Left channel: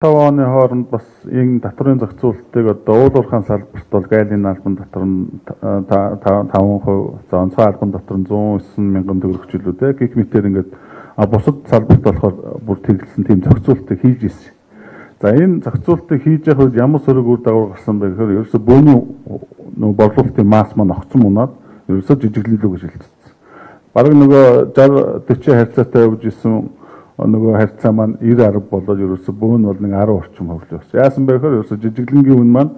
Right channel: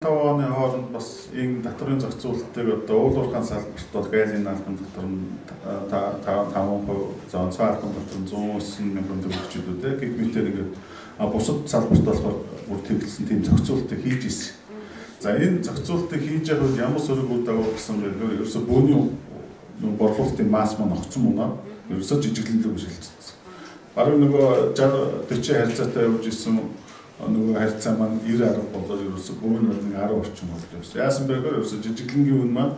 оны хооронд бас энэ татврын зохицуулалтыг одоо уулуурхаан салбарт бол гайлын албан татвар нь 5%, за онцгой албан татвар нь 109 мянган төгрөг ч үлээ. Гэх мэтээр ингээд бусад салбарт болохоор бүр тэглэсэн тийм зохицуулалтыг хийж ирсэн. За энэ зохицуулалтыг хийж явах үед ямар сөрөг үр дагавар гарсан бэ гэхээр ерөөсө бөөний борлуулалтын масс маань огцон унаад ерөөсө жижиглэн рүү шилжчихсэн. Бараг нөгөө 60-40 харьцаатай явж исэн нөгөө харьцаа маань 90-10 болоод ерөөсө бөөн бол нэг 10 орчим хөвлөж байна. Яасан бэ гэхээр ерөөсө жижиглэнгийн үн маань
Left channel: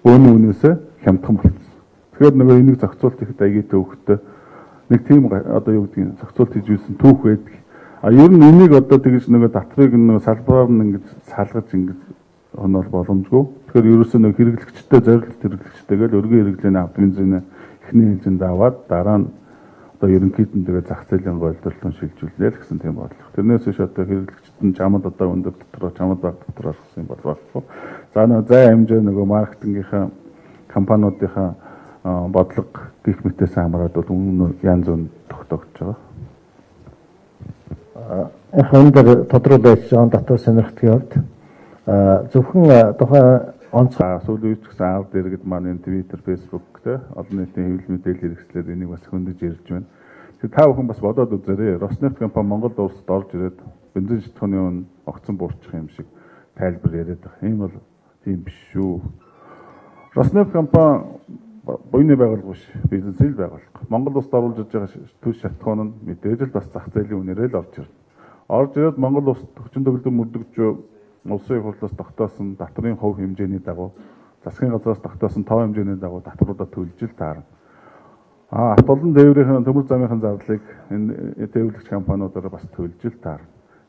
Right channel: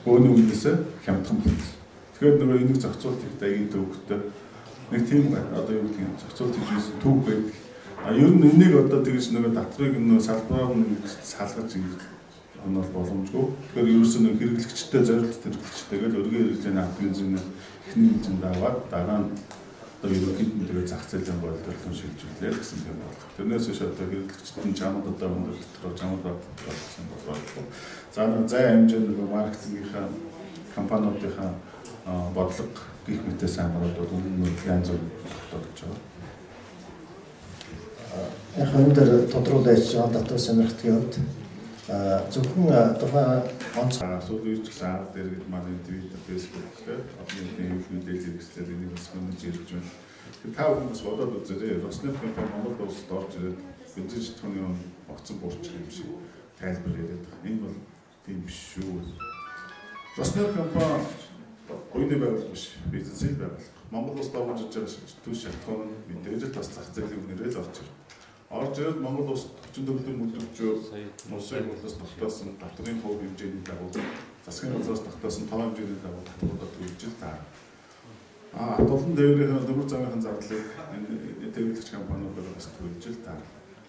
бөөний үнээсээ хямдхан болсон. Тэгэхээр нөгөө энийг зохицуулт их даягийн төвхтэй нэг тийм одоо юу гэдэг нь зохицуулт хийж ирсэн түүх байдаг. Ер нь энийг одоо тэгж нөгөө татврыг нөгөө салбараар нь ингэж салгаж ингэж онол боломжгүй. Тэгэхээр ерөөсөө нөгөө хэрэглэгчтэй зорилт хэрэглэгчтэйгээл өргөн хэрэглээний авдрын зүйн эхний хэмжээнд аваад дараа нь одоо ерөнхийд нь тэгээ зах зээлийн голдолтон шилжүүлнээр гэсэн тийм бодлого. Тэрнээс биш одоо хэрэглэгчд нь чамд одоо өндөр дотроо чамд баг дотроо гэсэн бол болохгүй. За нөгөө зай хэмжээ нөгөө маркетингийнхаа компаниудынхаа бодлого гих мэтээс хамаарат бол өмнө янз бүр тогтоогдож байгаа. Хандад тодруулж байгаа татвар сонирхтгийн хувьд зөвхөн тухайн онцгой сүүлийн үеч гэсэн аав дэргэд маань энэ Twitter, Facebook те одоо нийтийн хэвлэл мэдээлэл хэрэгслээр энийг бас хөндөж ярьж байна. Тэгэхээр та бүхэн бас бодоод үзээрэй. Роснефть компани Монгол улсад орж ирээд бензин шатхууны үн огцон буурчих юм шиг тайлбар яриад байгаа. Энэ бол тийм биш шүү. Роснефть компани буйны байгууллага биш, бизнесийн байгууллага. Монгол улсад оруулж ирж байгаа төв шатхуун нь мэдээж л бас зах зээлийн үнээрээ л орж ирнэ. Орж ирээд Монгол улсад 40 төгрөг мөрдөгч улсын хурлаас тогтоосон татврын хувь хэмжээний дагуу засгийн газраас тогтоосон тоо хэмжээний дагуу татваруудаа төлж л таарна. Хатуулан тээврийн төмөр замынхын зардалыг энэ тээвэрлэгч компаниудаараа бас төлж л таарна.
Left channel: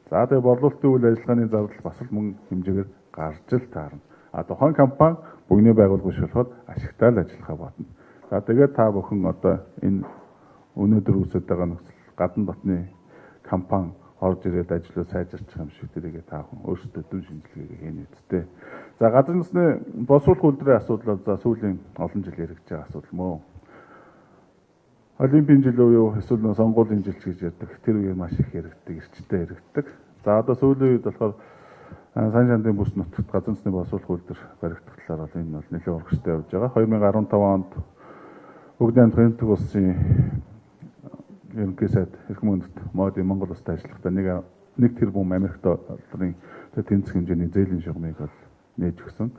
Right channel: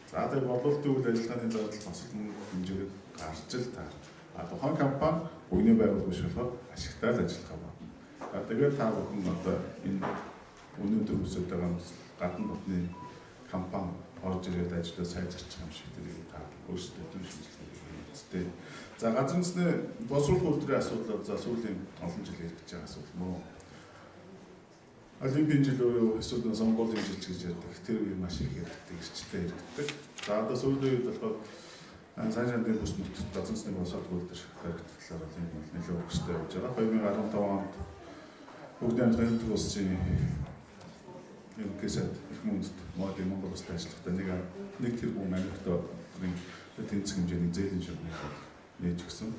За тэгээ борлуулалтын үйл ажиллагааны зардал бас л мөнгө хэмжээгээр гарч л таарна. Тухайн компани буйны байгууллага биш болохоор ашигтай л ажиллахаа бодно. За тэгээд та бүхэн одоо энэ өнөөдөр үсэж байгаа нөхцөл гадна дотны компани орж ирээд ажлаа сайжирчих юм шиг тэрийг та бүхэн өөрсдөө төв шинжилгээгээ хийнэ үстэй. За газар нутгийн боловсруулах үйлдвэрийн асуудал за сүүлийн олон жил яригдж байгаа асуудал мөн. Олимпийн жил уу эсвэл сонгуулийн жил гэж ярьдаг. Тэр үе маш их яригддаг, эрчтэй яригддаг. За одоо сүүлийн үед болохоор сайн шандын бүс нутагт газар нутгийн боловсруулах үйлдвэр баригдах талаар бол энэ бол нэлээд урагштай явж байгаа. 2015 онд Бүгд найрамдах энэтхэг улсын ерөнхий сайд эрх мөндөд мод Монгол улсад ажиллахдаа нэг тэрбум Америк долларын тэнцэх хэмжээний зээлийн шугамыг нээж өгсөн.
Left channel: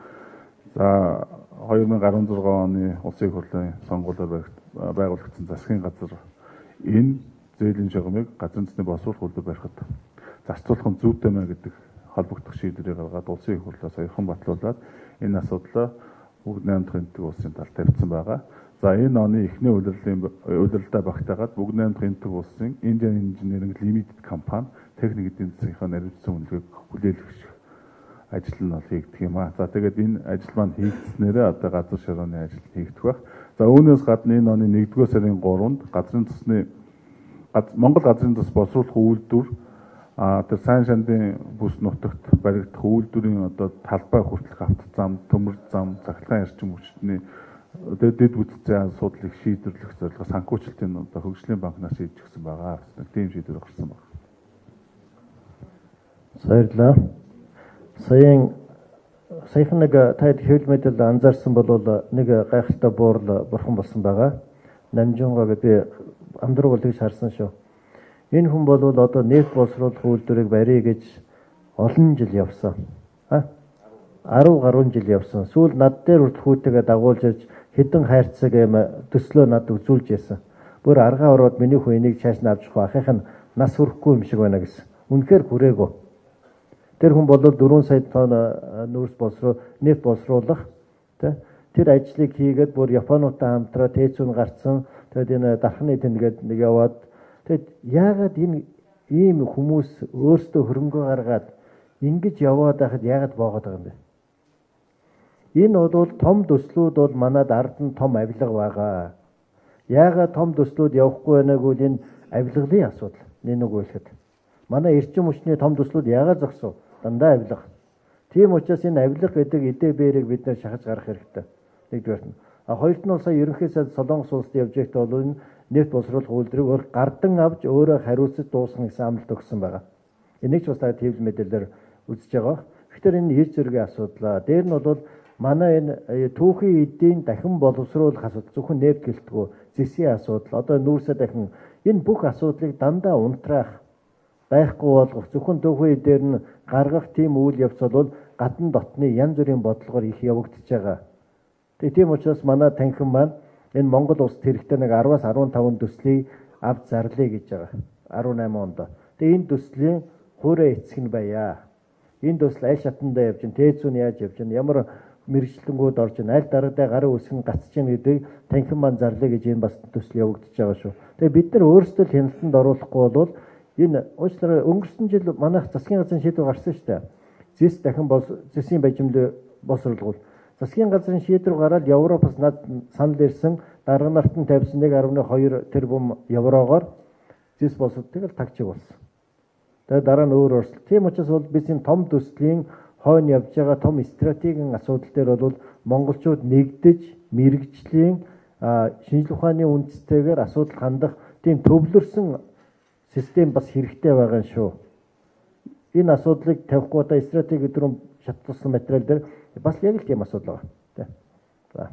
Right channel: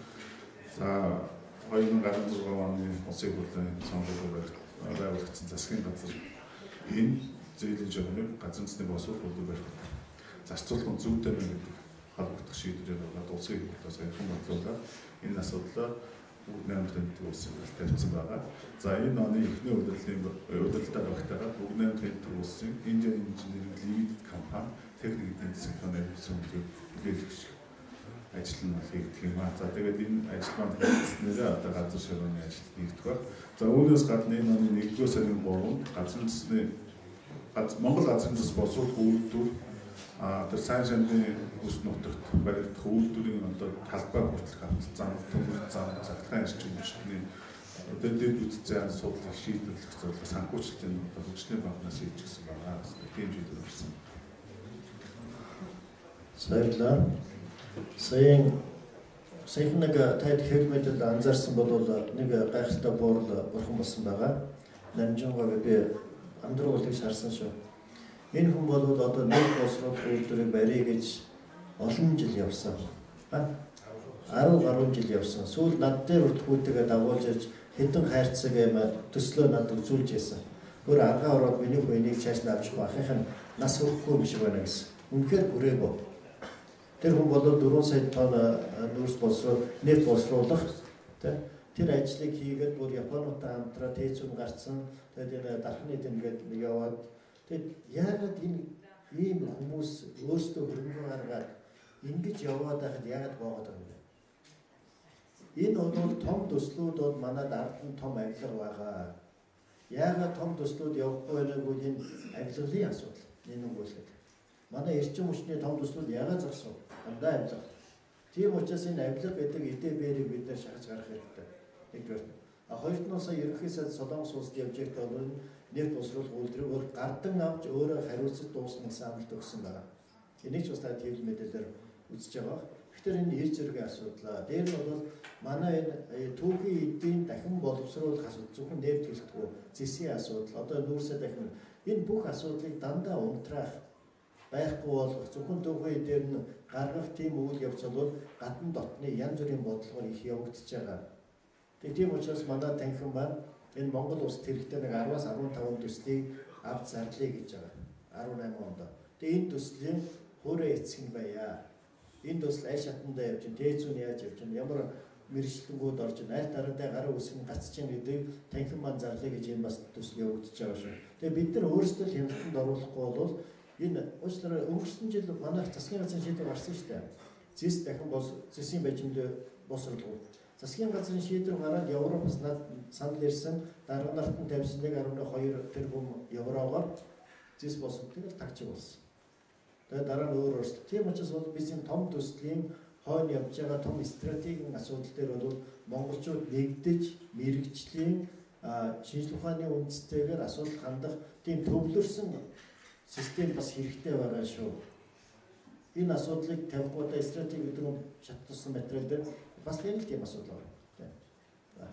За 2016 оны улсын хурлын сонгуулиар байгуулагдсан засгийн газар энэ зээлийн шугамыг газар нутгийн боловсруулах үйлдвэр барихад зарцуулах нь зүйтэй нэ гэдэг холбогдох шийдвэрийг гаргаад улсын хурлаас оюухан батлуулаад энэ асуудлаа Бүгд найрамдах энэтхэг улсын талд тавьсан байгаа. За энэ оны эхний удирдлагаа багтаагаад Бүгд найрамдах энэтхэг улсын Indian Engineering Limited компани техник эдийн засгийн нэрвсэн үнэлгээг хүлээлгэх ажил нь бол хийгдэх юм аа. За тэгээд энэ ажил маань хийгдснээрээ одоо газар широоны ажил хийгдэх байх. За үүнээс гадна энэ оны 1-р сарын 3-нд Монгол газрын тус боловсруулах үйлдвэр тэр сайн шандын бүс нутагт баригдах үйлдвэрийн одоо талбай хүртэлх авто зам, төмөр зам, цахилгаан эрчим хүчний дэд бүтцийн асуудлыг шийдвэрлэх зорилгоор санхүүжилтийн одоо хөгжлийн банкнаас хийж гисэн байгаа. Тийм шийдвэр гарсан байна. Баярлалаа. Саяхан нэг таад хэвлэл мэдээлэл анзаарсан бол нэг гайхалтай буурал бурхан болсон байгаа. Намжингаа би амдраг бол тэгж харсан шүү. Энэ хүн бол одоо нийт боловсруулах үйлдвэрийг барья гэж олон жил явсан. 10 гаруй жил явсан. Сүүл над дээр хүртхүүтэйгээ дагуулж ирж хэдэн хайрцаг төслөө над үзүүлж яасан. Бүр аргаа ороод миний хүн энийг цааш нь авчих байхыг нь нас хүрэхгүй юм шиг байна гэсэн. Үнэхээр бүрээгүй. Тэр хүн бол 4 сая тонн нефть боловсруулах тэр ажлыг хийгээд бүр Японуудтай хамтраа тээцүүн гарцсан. Тэгээд энэ дархны тэнгээд нэг яваад тэгээд яагаад энэ ийм хүмүүс өөрсдөө хөрөнгө гаргаад ингэж яваад байхад яагаад боогод байгаа юм бэ? Энэ бол том төслүүд бол манад ард нь том авилга байгаа. Яагаад том төслүүд явахгүй байгааг бол энэ авилгалын асуудал. Нэг үгэлэхэд. Манай эрчим хүчний том төслүүд яагаад зогсов? Дандаа авилга. Тийм учраас энэ авилга гэдэг эдээ бээрийг бид нэр шахаж гарах хэрэгтэй. Нэгдүгээр нь. Хоёрт нь сая ерөнхий сайд Солонгос улсад явж байхдаа бол энэ нефть боловсруулах үйлдвэрийг гардан авч өөрөө хариуцаж дуусгах гэсэн амлалт өгсөн байгаа. Энийг ч бас та хэвлэл мэдээлэлээр үзэж байгаа. Тэгэхээр энэ хэр зэрэг асуудлаа. Дээр нь бол манай энэ түүхийн эдийн дахин боловсруулах асуудал зөвхөн нефт гэлтгүү зэсийн асуудал. Одоо нүүрсээ дахин энэ бүх асуудлыг дандаа унтраах байхгүй болгох зөвхөн түүхийн дээр нь гаргах тийм үйл явц бол гадна дотны янз бүрийн бодлогоор их явагдаж байгаа. Тийм учраас манай танхим маань энэ Монгол улсад хэрэгтэй нэг 10-аас 15 төслийг авч зарлая гэж байгаа. 18 онд. Тэгээ энэ төслийн хуурай эцэг нь байя. Энэ төсөл аль шатандаа явж гин, тээцүүн яаж явж гин, ямар мэрэгчлэнгүүд орж гин, аль дараатай гарын үсгэн гацж гин гэдгийг танхим маань зарлая гэж энэ бас төсөл явагдаж байгаа шүү. Тэгээ бид нар өөрсдөө хяналтанд оруулахгүй бол энэ уучлаарай өнгөрсөн жил манайх засгийн газрын шийдвэр гарсан шүү дээ. Зэс дахин зэсийн бажимд босруулгуул. Засгийн газрын шийдвэр гараад Европоос над санал ирсэн дарга нарт нь тавьсан 1.2 тэрбум еврогоор зэс босолтыг л тагчиг болсон. Тэгээ дараа нь өөр өөрчлөлт. Тийм учраас бол бид энэ том төслийн хойно явж байгаа том стратегийн асуудал дээр бол монголчууд нэгдэж мэрэгжлийн шинжлэх ухааны үндэстэйгээр асуудал хандах тийм төвлөрсөн систем бас хэрэгтэй байгаа шүү. Энэ асуудлыг тавихгүй одоо стратеги өдрөм шатлсан материал дээр бас яг л тийм асуудал байгаа. За.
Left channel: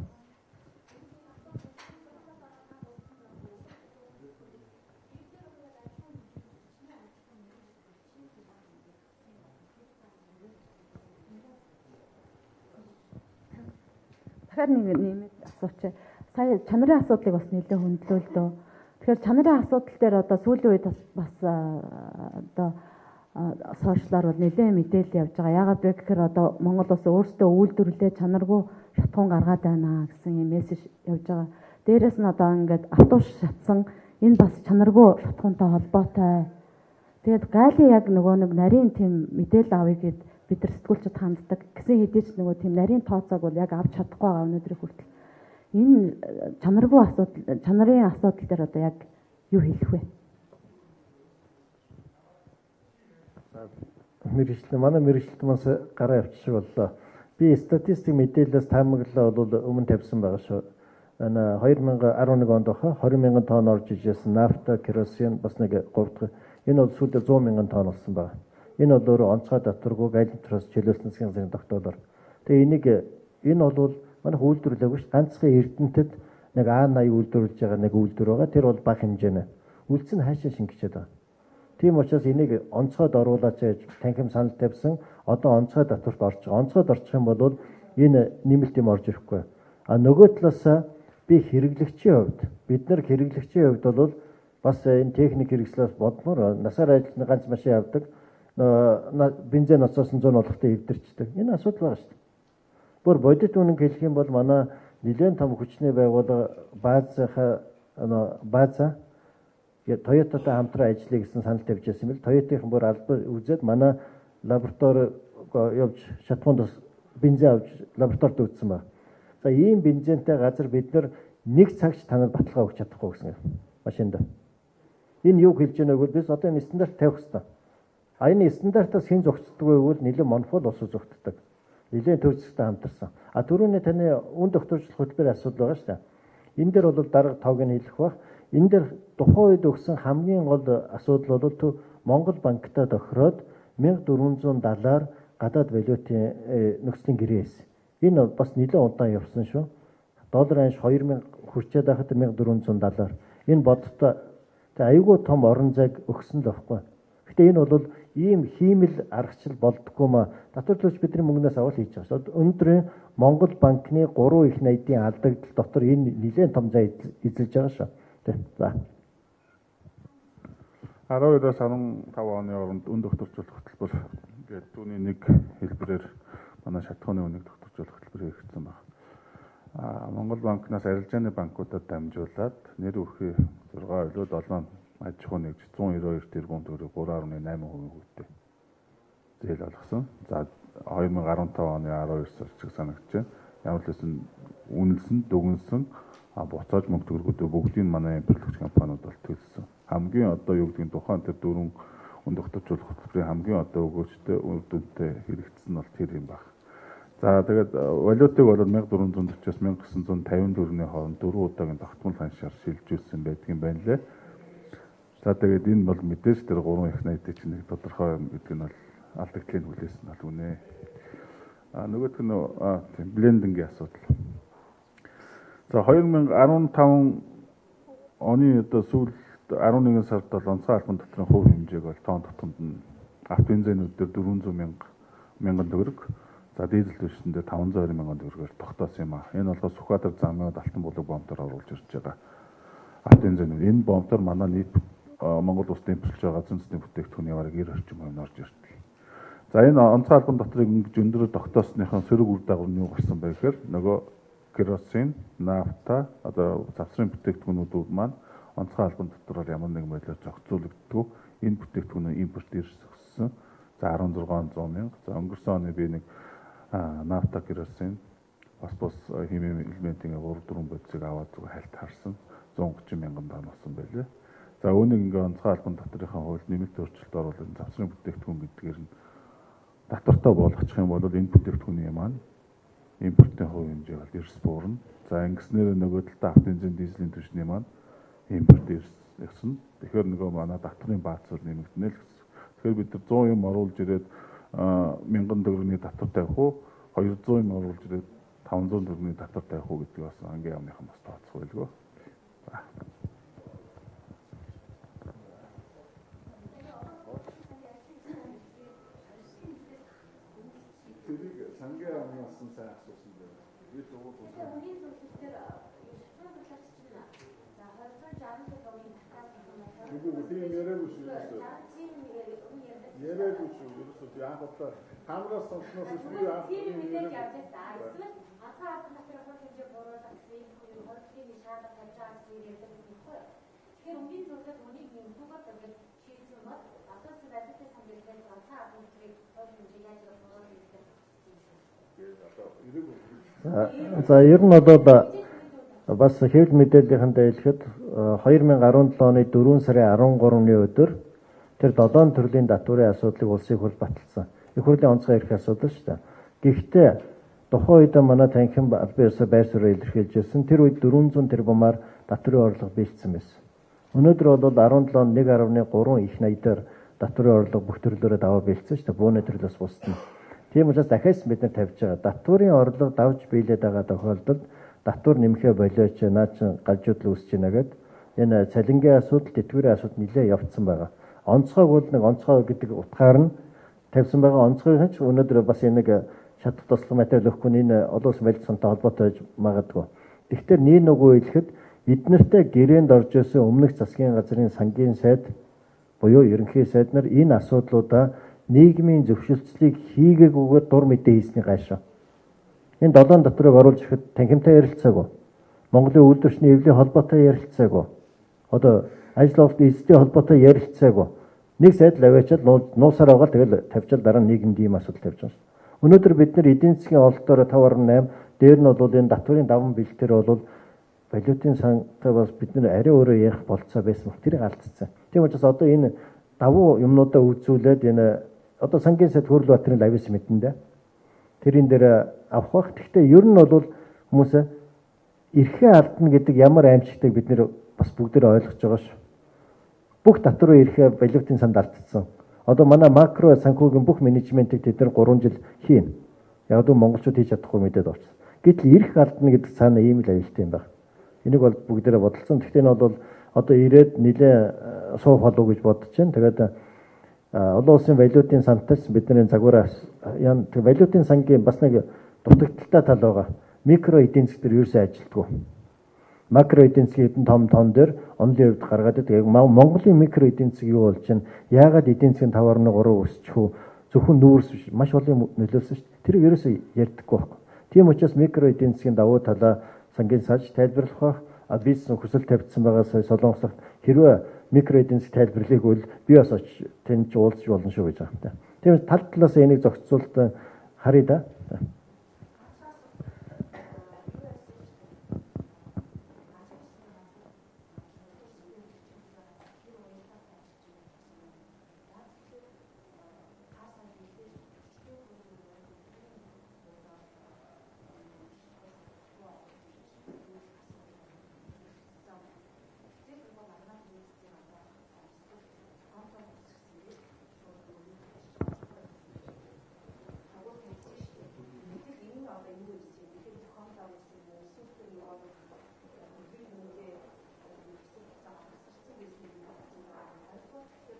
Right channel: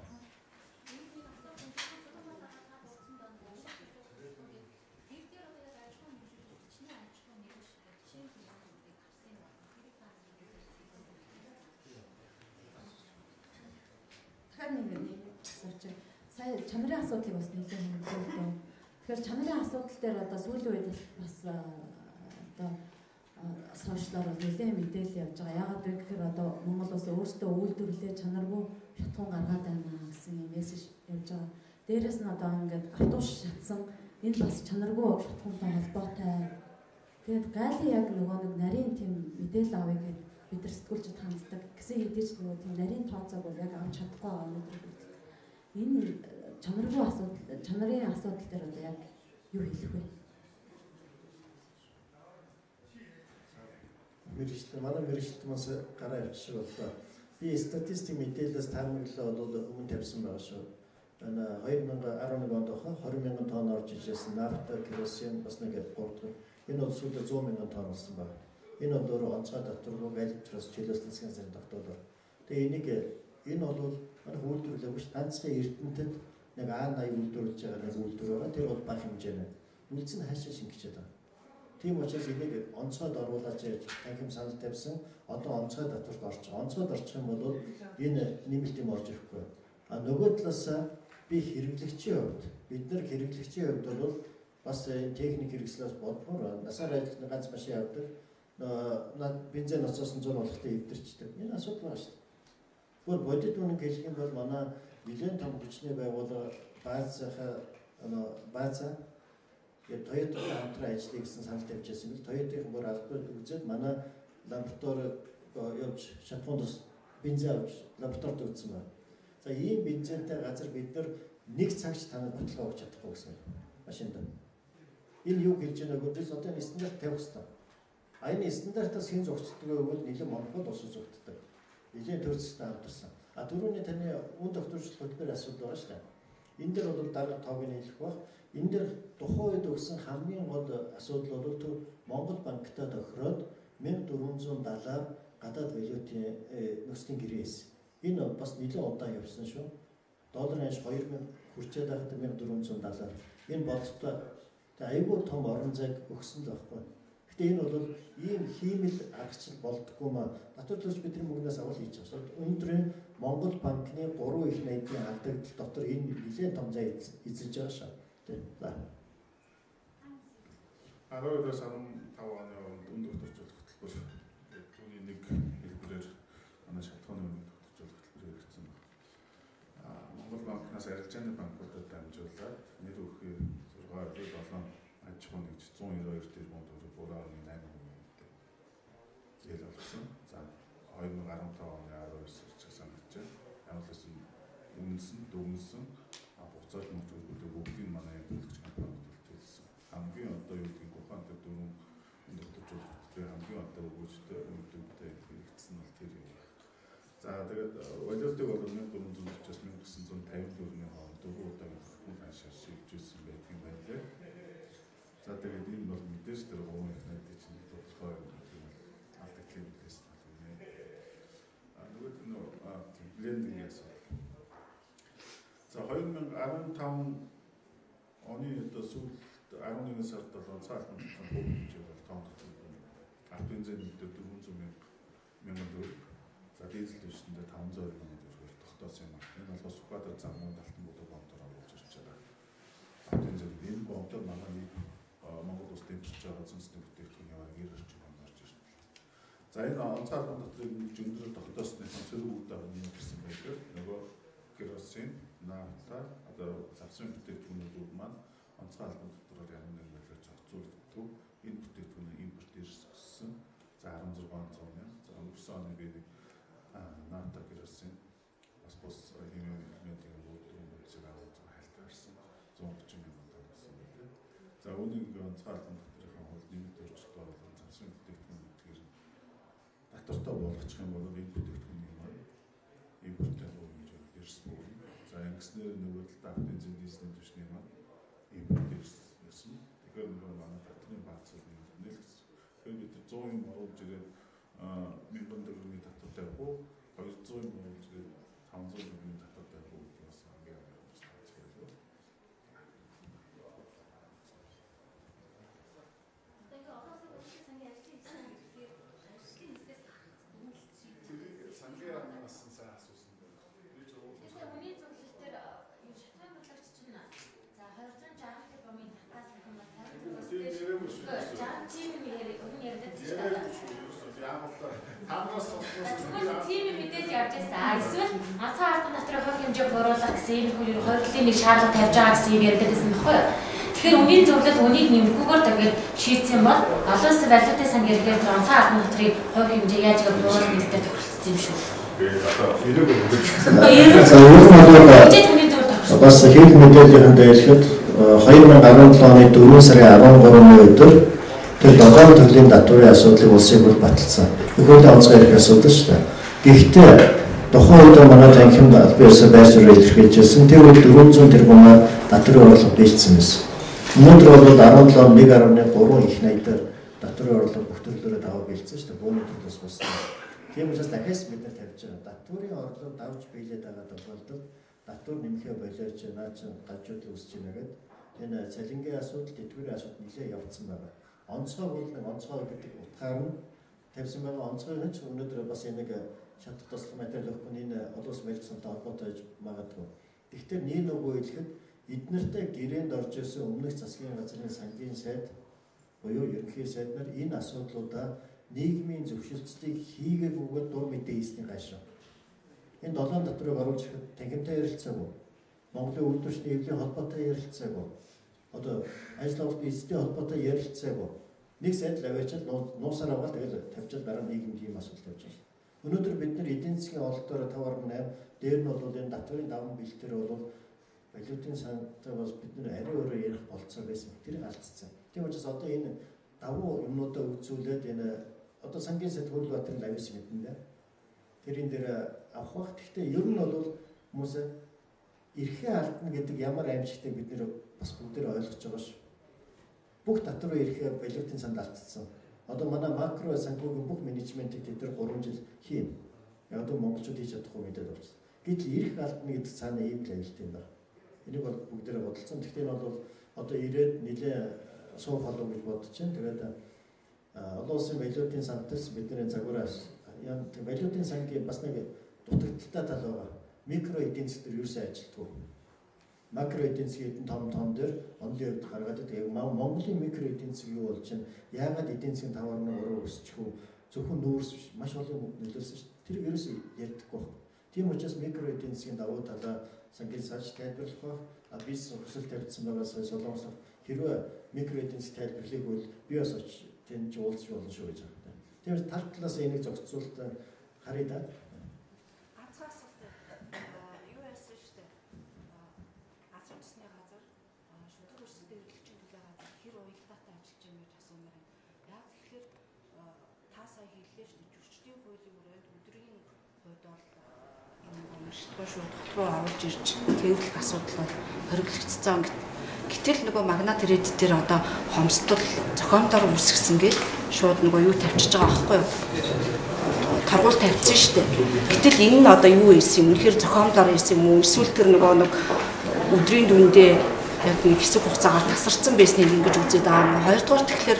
Тэгэхээр нэг асууч. Сая чанарын асуудлыг бас нэлээд хөндлөлөө. Тэгэхээр чанарын асуудал дээр одоо сүүлийн үед бас одоо сошиалар бол нэлээд мэдээлэл явж байгаа. Яагаад вэ гэхээр одоо Монгол улс өөрсдөө үйлдвэрлэлээ чанаргүй шатхуун гаргаад байна гэсэн юм мессеж явж байгаа. Дээрээс нь одоо ингээд автобус шатсан энэ бас чанаргүй шатхуунтай холбоотой. Тэгээд гайлын яг нөгөө нэг нарийн тийм мэдээлэл авъя гэд бид нар сэтгүүлчд ханддаг. Гэсэн хэдий ч нөгөө тийм нарийн тооцоог бол яг авч чадахгүй байгаа өнөөдрийн хүртэл. Энэ чанаргүй асуудал, чанарын асуудал дээр одоо яг юу хэлэх вэ? Манай мэрэгчлэлт маань гараа явчих боллоо. Би статистик мэдээлэлээс таамаглалаа бол өмнө тавьсан байгаа шүү. 2011 онд баха 20 мянган тонн орж ижсэн нафта, керосин бас нэг 3 дахь. Энэ бол сүүлдээ 100 мянган тонн болсон байна. Энэ бол өөрөө онцгой давтаргүй галентроос чөлөөсөн засгийн газрын тогтоолоор. Тэгээ энэ бол манайх үйлдвэрлэегүй ш. Ганцхан Эрдэнэтэд нэг А80 үйлдвэрлэж байгаа нэг үйлдвэр байгаа. Тэр бол бага хэмжээний. Үлдсэн нь хаашаа шингэчээд байгаа. Тийм учраас энийг онцгойд оруулаач гэж танхим санал тавьсан. Одоо онцгой давтарт орж байгаа. Онцгойд орчих юм бол энэ нэмэлт юм орж ирэхгүй. А нөгөө талаасаа би хэрэглэгчийн хувьд бид нар хэрэглэгчийн хувьд бол бас энэ техник хэрэгслээс бодмоор насаар ажиллах ганц машин авдаг. Бензин ноцоос 100 болохтой эвдэрчдэг. Энэ асуудал байгаа шүү дээ. Бүр бодит үнэн хэлэх юм бол манай нэлээд том хүчний байгууллага база Toyota-тай хамтран ажиллая гэсэн санал тавьж байсан юм бэл. Toyota-ийн бүр албан үзээд манай лаборатори явж шатхуунд бензин авч лабораторид үзсэн байна. За ийм бензинтэй газар бид нар нэг цагч танад баталгаа өгч чадахгүй гэсэн юм. Машинд. Энэ юу хэлж байгааг үдээс одоо энэ стандарт тавих хэрэгтэй. А энэ стандартаас хэн зогцдог вэ гэвэл нэлээд монопол ус зогтдог. Нэлээд төрөлцтэй хамтарсан. А түрүүний таны үн тогтворчлох хөтөлбөрийн асуудал байгаа шүү дээ. Энэ дээр бол дарга тоог нь хэлэх бах. Энэ дээр тухайн үед өгсөн хамгийн гол асуудал бол Монгол банктай тохироод 1470-аар гадаад валютын нөхцөлийн гэрээ байсан. Энэ бас нэлээд удаан явсан шүү. Долларын анш 2000 хүрчээд байхад 1470-аар. Энэ бодтой айгүй том орон зайг өгсөн л байхгүй. Гэтэ энэ бол ийм хиймэл аргачлал болдгоо ма татварлууч бидний мөнгнөөс авал хийж байгаа шүү. Өнөөдрийн Монгол банкны 3 их найдын алдагдал дотор энэ нэлээд том зай эзэлж байгаа шүү. За. 12-аас 15 оны хооронд үн тогтворчлох хөтөлбөр гэдэг түүний нэг хэлбэрээр манай шатхууны үнийг тогтворчлох хөтөлбөр хэрэгжсэн байна. Монгол банкнаас арилжааны банкудад дамжуулаад нэр өрхий 6 өрөө 7 аж ахуй нэгж 192 тэрбум төгрөг 3.8% үүтэй зээл олгосон. За 2015 оны 12 сард чиг санагдаж байна. Ямар ч байсан үнэлсэн, дүгнсэн буцааж мөнгө төгрөгүүдөө бүгдийг манай импортлогч компаниуд бол төлсөн. Хамгийн одоо юу гэдгийг тухайн тэр дөрвөн үн тогтворчлох хөтөлбөрийн хамгийн одоо өгөөжтэй үр дүнтэй хэрэгжсэн нь бол тэр юм байна. За тэгээд валютыг бол 1440-аас 1950 төгрөгийн хооронд 4 удаагийн тогтмол ханшаар шилжүүлсэн байдгийн байна лээ. За тэгээд энэ бол мэдээж тэр 3 их найдыг чинь нэг тодорхой юм гэдэг нь бол алдагдлыг хүлээсэн бол үнэ. Нөгөөх нь тийм блендингийн асуудал. За 2015 оны одоо сүүлд 11 сард бол онцгой албан татварын хувь хэмжээг бол тоон тутамд нь автобензинүүд дээр 400 мянган төгрөг, за дизель түвшин дээр 520 мянган төгрөгөөр тогтоосон юм а. Энэ бол Сүхбаатар замын Алтан булаг бомтоор оруулж ирж байгаа автобензинүүд. Энэ бомтоор манай нийт Монгол улсад импортлж байгаа зүүнсний бүтээгдэхүүний бараг 90 орчим хувь нь орж ирдэг. За энэ онцгой албан татварыг ингэж өндөр тогтоосныхаа сөрөг үр дагавар нь юу гарсан бэ гэхээр нөгөө керосин, нафта, одоо завсрын бүтээгдэхүүнүүд маань онцгой албан татвараар ямар нэгэн байдлаар зохицуулагддаг. Энэ бүтээгдэхүүнээ импорт ирсэн. За 1600 мянга. За өнгөрсөн оны би нэг нафта, керосин, бас химийн элементийн 3-4 бодисыг аваад зүгээр хальт харсан. 130 мянган тонн болсон байлээ. За үүнийг ингээ онцгой албан татврынхаа хууль нэмэлт өөрчлөлт оруулаад завсрын бүтээгдэхүүн гэдгээр нь татвартай болгочих юм бол энэ бүтээгдэхүүний маань импортын хувь хэмжээ бол эрс буурна. За ингэснээр нөгөө талдаа автобензин, дизелийн түвшний маань импорт ирсэн. Тэгэхээр нөгөө манай татварын бааз бол нэмэгдэнэ л гэсэн. Тэгэхээр бид 100 юм оруулж ирээд 1000 төгрөгийн татвар тавих уу, 200 юм оруулж ирээд 500 төгрөгийн татвар тавих уу гэдэг бас ангийн яамныхан бас тооцох байлгүй. Сангийн амнаас нь сайн асуусан дээр. Би ч ууг бол. Хүний зөвлөлтөөр шатны талаарч чинь за 2060 тэр бомын татаас нэг тийм яриаггүй шүү. 60 тийм яриаггүй шүү. Яг бол таамагаас сонсноо тийм мэдээж явж байсан. Эсвэл ганцхан албан татварын хувь хэмжээ бууруулах гэсэн энэ хөл хоригдлын нэг шаардлага тавьж байгаа гэсэн юм ярьдаг гэсэн байхгүй юу? Тэгэхээр үнийн зөвлөлт үнийг нэмэхгүйгээр тэгээд шийдсэн бол олон улсын валютын сангийн хэрэгээр ганцхан албан татварын хувь хэмжээ яаж бууруулах гэдэг тохиролцсон юм шүү. Бас хэд мэдээллийн хэлэхэд 2017 оны 4 сарын 13-ны өдөр тэр 7 төрлийн татварын асуудлыг улсын бүр баталсан. Их хурлын онцгой эрх асуудал шүү дээ. Гэхдээ тухайн үед манай танхимд албан ёсоор байр суурь илэрхийлжсэн. Тэр үед 400 тэрбум татварын орлого бийцсэн байсан. Өнөөдөр бол 17.1.3 их найдаар татварын орлого бүх төрлөөрөө даваа бэлдсэн шүү дээ. Бүүний төрлөөс усна. Тийм учраас дахиад бид нар тавьж байгаа. Татварын орлого давж биелээд байгаа тохиолдолд татвар нэмэхэ болооч наа чин галжуудлал үүсэж байна гэдэг энэ цалингийн асуудал, тэтгэврийн асуудал нэлээд явцсан байгаа. Онцгойг бол нэг онцгой гэдэг утгаар нь тавьсан байгаа. Онцгойг ч өнөөдөр бас нэг шатах туслах материал өгөхгүй энэ олон улсын барилгасантай холбоотой байж магадгүй. Тэгэхээр нэг нөгөө хэлэхэд эднэртэй гэрээнд орж исэн өмнөх засгийн газрын сангийн сайд буюу ерөнхий сайд нар энэ асуудлуудаа нийгмийн зөвшөлтслийг хийгээгүйгээр дур мэдээ хийсний гайшаа. Энэ 7 татварыг оруулж ирэхэд танхимтай ярилцаагүй. Монголын үйлдвэрчний эвлийн холбоотой ярилцаагүй. Одоо ажил олбот эзэдийн холбоотой ярилцаагүй. Нэг сайд л аваачаад нуусаар байгаа тэгэл тавьчаал дараа нь нийгэмд ийм асуудал тавьж байгаа шүү. Өнөөдөр бид нар эдийн засгийн ололтоор 5.8 дээр нь бол энэ татварын даван бэлтээр бол валютын сантай бас бид нар арай өөрөө ярих болцоо байсан. Тэрийг алдсан. Тийм учраас одоо энэ давуу юмнуудаа үзүүлээд энэ одоо сангийн сайд Хөрлбаатарын лавис мэдэндээ тэрийн дээр авах бах. Гэхдээ ер нь бол хүмүүс эрхээ алдна гэдэг ямар аимшигтайг бид нэр бас бүгдээр ойлгож байгаа шүү. Бүх татварын эрхээ валютын санд алдсан. Одоо манай макро санхүүгийн бүх менежментийг тэд нар 3 жил хийн. Яг л монголчууд хийж чадахгүй мэдээд орсон. Гэтэл эрх алдна гэдэг цаана ийм л аюултай юм байна. Энийг бол бүгдээрээ бодолцсон. Гэхдээ энэ бол одоо ирээд нэлээ суух болов гэж бодож байна. Тэгээд олон улсын валютын сантаас бидний загвараа яа валютын сангийн бас нэг дутагдaltaй тал байгаа. Микро эдийн засгийн дээр ерөөсөө ажилтгүй. Макро эдийн засгийн том дээр онлын хувьд гаргаад байдаг. Яг Монголын микро эдийн засаг юу болж байна? Яагаад эдийн засгийн 5.3 өсчих вэ? Зөвхөн нүүрс биш, маш олон нөлөөлсөн шүү дээ. Тэр ерөөсөө ярьдаггүй байхгүй. Тийм учраас микро эдийн засгийн давуу талаа сангийн сайд тайлбарлах байх. Бизнес хүсэл тавьдсан байгаа Солонгослогт хэрвээ микро эдийн засаг тайлбарлыг бол би бас очиж тэнд уулзч болно шүү гэж байгаа юм. Тийм тал талаас энийг зохицуулт харъя да. Руу оруулж ирж тэвэрлэх асуудал хориглогдсон. Гэтэл нөгөө магнат ирээд дээр одоо хомсдол зохиомдоор үүсгэсэн гэж шууд нөгөө юу тавьчихж байгаа аахгүй юу? торгуул тавьчихсан шүү дээ. Гэтэл энэ нь одоо юу ирсэн юм? Үнэхээр зохиомлоор ирсэн юм уу? Эсвэл тэр нэг өдрийн дүндээ яг нэг хэсэг хугацаагаар тасарсан байсныг ингэж үзээд байгаа юм. Хоёрдугаар тэгэхээр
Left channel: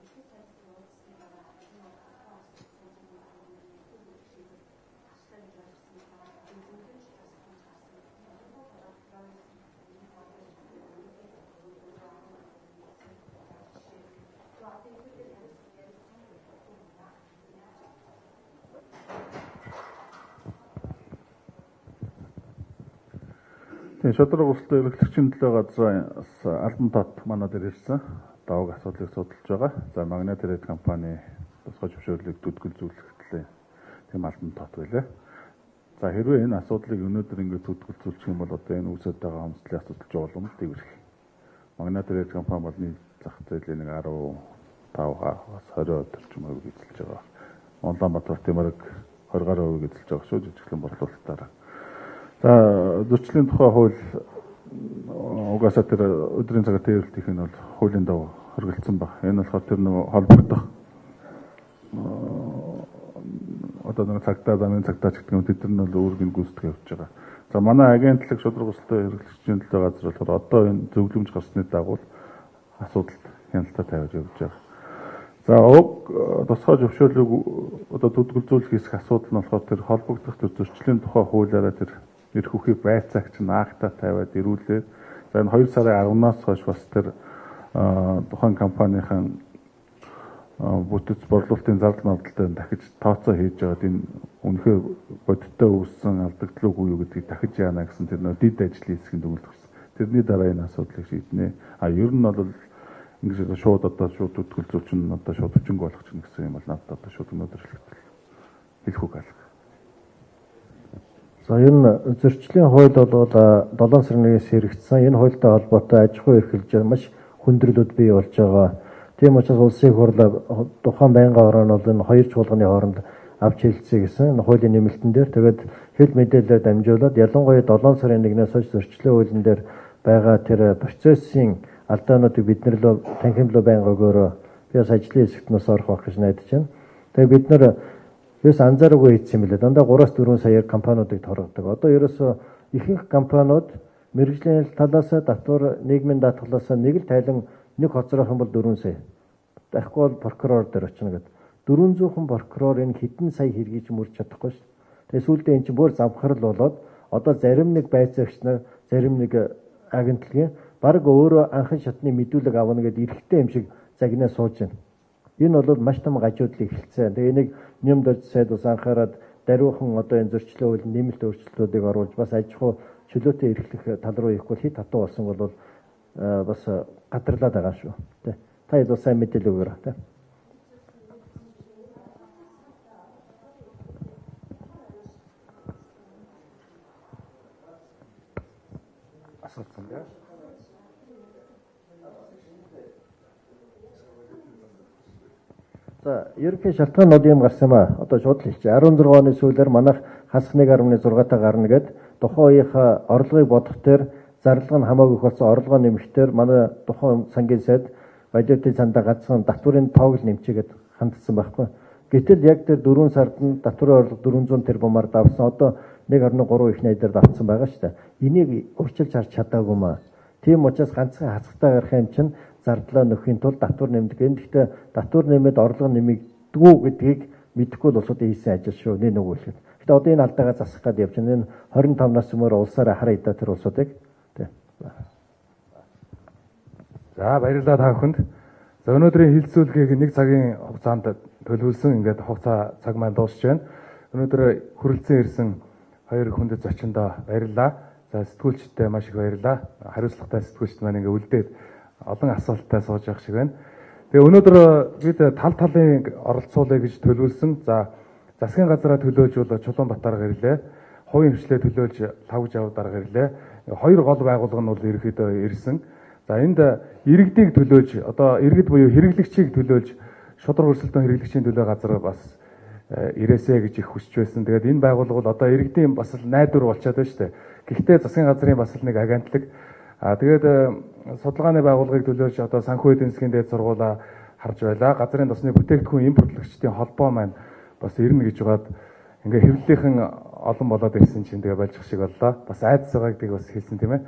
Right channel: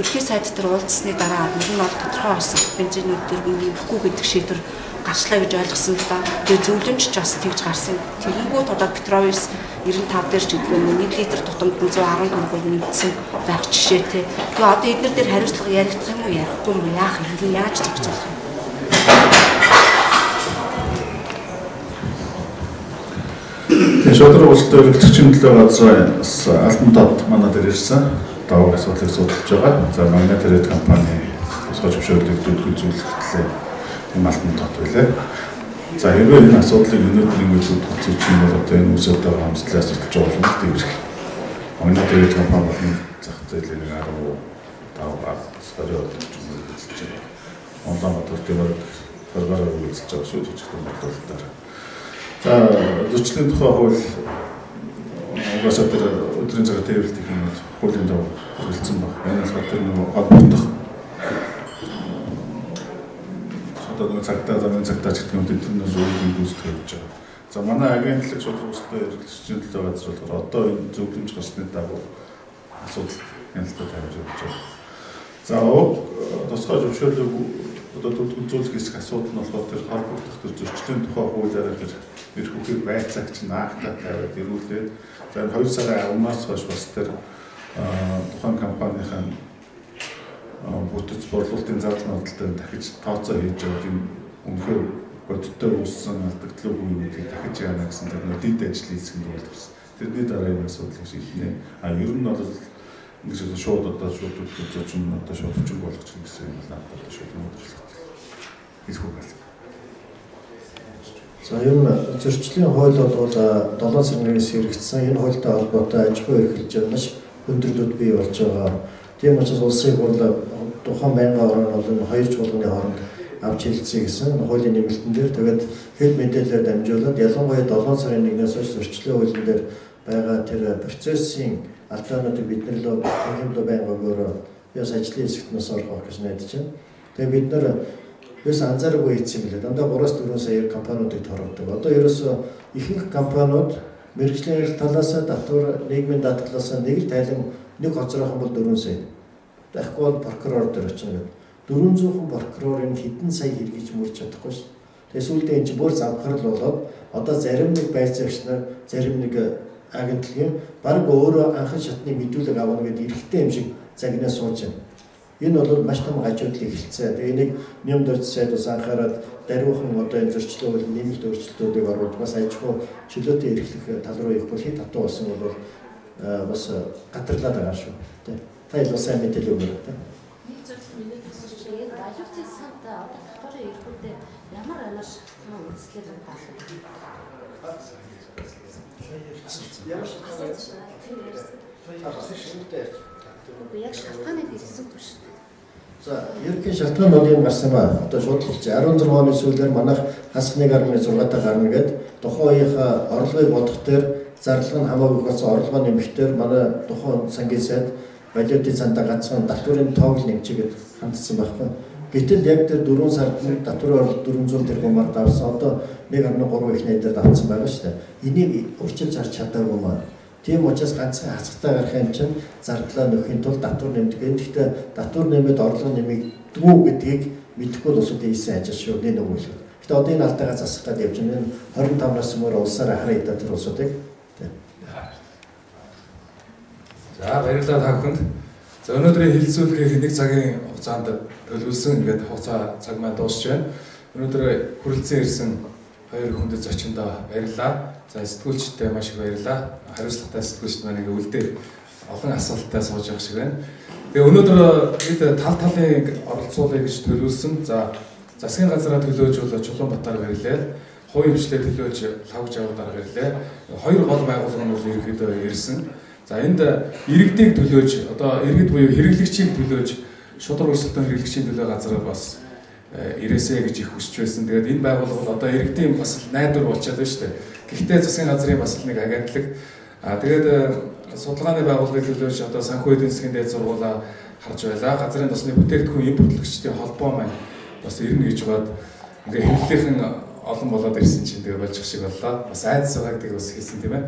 ерхий сайд дээр уулзсны дараа ер нь бол тодорхой болсон бензинүүд дээр нэмэхгүй гэдэг шийдвэр гарчлаа гэж ойлгосон л да. Тэгээ зөвлөмж ч бас тэгж гарсан. Тэгэнгүүт одоо Петровис 95 дээр ч гэдэг нь 1 литр тутамд 114 нэмсэн байх жишээтэй. Тэгээ одоо эдгээр дээр хариуцлага яригдах юм уу, ярихгүй юм уу, яах юм, яаж зохицуулах юм? Шудраг улстай өргөлтөгчийн төлөө газраас альбом тод манай дээр ирсэн. Даваа асуудлыг судалж байгаа. За манай тэр компани тусгай зөвшөөрлөгдөд үзүүлэлтээ юм альбом тод байлаа. За хэрвээ энэ асуудлыг өнөөдөр ингэж хөдөлгөж чинь бол одоо энэ үсэд байгаа хамтлаас судалж байгаа юм тийм их. Манай тэр компани болон зах зээлийн 15-аас сард гэж үзэж байгаа. Онлайн мотор тиймэр гаргаар үзэж байгаа шүү дээ бодлолоор. За зөрчлийн тухай хууль угаасаа тэр өдрийн цагаар тээвэрлэх юм хуулийн дагуу хэрэгжүүлсэн баг. Энэ бол тэр нэг холбогдох одоо нэг цагтаа замын цагтаа ч гэх юм бид нар зөвлөмж үүсгэж явж байгаа. За манай агентлаг шудраг устай эрхлэгчийн төлөө газар болохоор одоо энэ зөвлөмж гарсны дагуу асуудал хяналтаа тавьж явж байгаа. За тусгай зөвшөөрлөг одоо үзүүлэх хэсэг асуудал нь болохоор тэр холбогдох тэр зөрчлийн тухай хуулиараа тэр эрх үхийг байцаагч наахтаа тавиад ирүүлээд за энэ 2 сарын 10-наас хойш бас тэр тухайн компанийн бүтэц борлуулалтын зардал мөрдөлтөөр дахиж тооцоо хийж аваад юм үнэхээр бодиттой үүссэн алдагдлыг үгүй гэдгийг дахиж яана гэсэн тэр дид ажлын хэсгэнд үйлдвэрсэн. Тэрний дараа энэ асуудлыг шийднэ. Ер нь бол ингэж шууд одоо шууд үзүүлж одоо шууд хүчин болгох чинь гэсэн юм байна. Одоо шууд өнөөдрчлэгт хэлэх үг алга. За энэ зөрчлийн хууль бол 7 сарын 1-ээс хэрэгжсэн. Энэ хуультай холбоотой аж ахуй эрхлэлж маш хүндрэлүүд бий болж байгаа. Тийм учраас улсын хурл тухайн байнгын орон бол энэ хоёр чуулганы хооронд авч хэлцээ гэсэн энэ хуулийн нэмэлтэн дээр тэгээд хэд мэдээлэлээр дамжуулаад ялангуяа 7 сарын 1-ээс хойш зөрчлийн хуулийн дээр байгаа тэр процессын алдаануудыг бид нэр танхимлуу байнга өгөөрөө яс ажлын хэсэгт нас орох гэж найдаж байна. Тэгээд бид нар бас анзаараагүй хийсэн юм билээ. Дандаа 3-4 сая компаниудыг торгодог. Одоо ерөөсөө ихэнх компаниуд мэргэжлийн талаас татвар нийгмийн даатгалаас нэг л тайлан нэг хоцрох юм бол 4 сая. Дахигүй бол прокурор дээр очно гэдэг. 400 прокурорын хэдэн сая хэргийг мөрч чадахгүй шүү. Тэгээ сүүлдээ энэ чинь бүр завхарл болоод одоо зарим нэг байцаагч нар зарим нэг агентлагийн баг өөрөө анхан шатны мэдүүлэг авна гэдэг эрхтэй юм шиг загнаа сууж байна. Энэ бол маш том гажуудлыг эхэлсэн. Тэгээ энийг нэмд урд сайд ус анхаарал даруйхан одоо энэ зөрчлийн хуулийн нэмэлт өөрчлөлтүүдийг оруулж бас аж ахуй чөлөөтэй эрхлэх тал руу явах хит хатуу болсон бол бас гадарлаад байгаа шүү. Тэ. Та илүү сайн мэдээлэл өгөөрэй. Тэ. Нэг зүйл миний төсөж тэгээд ажилтны санд одоо татварын эрхүүдээ ямар амар шалтгаан үүслээр байна. Яг шалтгааныг хэлсэн юм шүү дээ. За, ерөнхий шалтгаанууд юм гарсан ба. Одоо шууд хэлж 16 оны сүүлээр манайх хасах 1.6 та гарна гэд тухайн үеийнхээ орлогыг бодох дээр зарлага нь хамаагүй болсон орлогоо нэмэхдээ манай тухайн сангийн сайд валютын цаандаа гацхан татварын тоог нэмчихэд хандсан байхгүй. Гэтэл яг тэр 4 сард татварын орлого 400 тэрбумаар давсан. Одоо 1.3 их найдаар давсан байгаа шүү дээ. Энийг урьдчилж харж чадаагүй маа. Тийм учраас ганцхан хасагтаа гарах юм чинь зардлаа нөхөхийн тулд татвар нэмдэг. Гэхдээ татвар нэмээд орлого нэмэгдэггүй гэдгийг мэдэхгүй бол улсуудын хийсэн ажил шүү. Нэг үг хэлээ. Гэхдээ одоо энэ алдаагаа засах гээд явж байна. 25-наас өмнө улсаараа хараа идэх тэр улсуудыг. За баярлалаа та бүхэнд. За өнөөдрийн хэлэлцүүлгийг 1 цагийн хугацаанд төлөвлөсөн ингээд хугацаа цаг маань дуусч байна. Өнөөдөр хүрэлцэн ирсэн 2 хүндэт зочиндоо баярлалаа. За сэтгүүлчтэй маш их баярлалаа. Хариуцлагатай сэтгүүлчд маань ингээ үлдээд олон асуулттай сууж байгаа шиг байна. Тэгээ өнөөдөр бид тал талын оролцоолыг гэж төлөвлөсөн. За засгийн газараа төлөөж бол Чулуунбатар гэрлээ. Хувийн хвшлээ төлөөж Лавж авуудаар гэрлээ. 2 гол байгууллага нь бол ерөөдөө ирсэн. За энд иргэдийг төлөөж одоо иргэд буюу хэрэглэгчийг төлөөж шудраг өрсөлдөөн хэрэглэгчийн төлөө газар бас ирээсэ гэж их хүсэж байсан. Тэгээд энэ байгууллага бол одоо иргэдийн бас найдвар болчиход байна шүү дээ. Гэхдээ засгийн газрын бас нэг агентлаг тэгээд судалгааны байгууллагыг төлөөж одоо санхүү эдийн засгийн дээд сургуулаа харж байлаа. Газрын тосны бүтээгдэхүүн импортлогчдын холбоо маань бас ирнэ гэж бод ингээ хэмлэлийнхэн олон болоод ирсэн чинь тэгээ болж шиг боллоо. Бас айдас байгаа гэдгийг бас хэлсэн тийм ээ.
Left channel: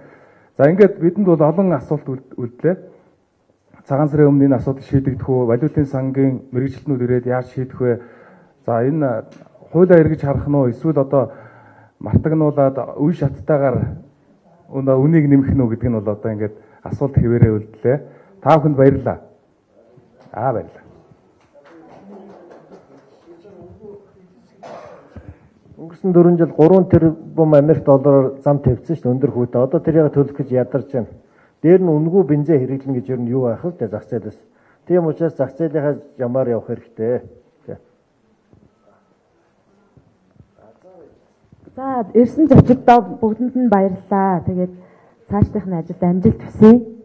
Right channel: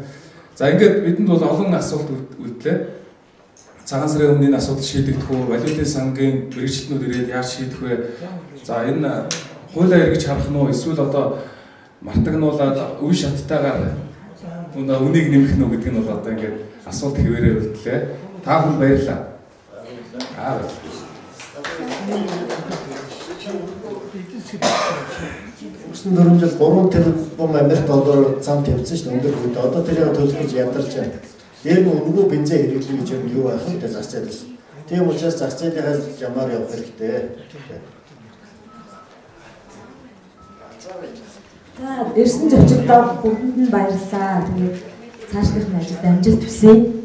За ингээд бидэнд бол олон асуулт үлдлээ. Цагаан сарын өмнө энэ асуудал шийдэгдэх үү? Валютын сангийн мэрэгчлэнүүд ирээд яаж шийдэх вэ? За энэ хуулиа эргэж харах нь уу? Эсвэл одоо мартагнуулаад үе шаттайгаар үнийг нэмэх нь үү гэдэг нь бол одоо ингээд асуулт хэвээрээ үлдлээ. Та бүхэн баярлалаа. Баярлалаа. Өнгөрсөн 4 жил 3 тэрбум Америк доллараар зам тавьсан шүү дээ өндөр хүйтэй. Одоо тэрийг төлөх гэж ядарч байна. Дээр нь үнэгүй бензин хэрэглэн гэж юу байх вэ? Зах зээлээс. Тийм учраас зах зээлийнхаа ямаар явах хэрэгтэй. За ирсэн зочдод бүгдэнд нь баярлалаа. Тэгээд цаашдын ажилд амжилт хүсье.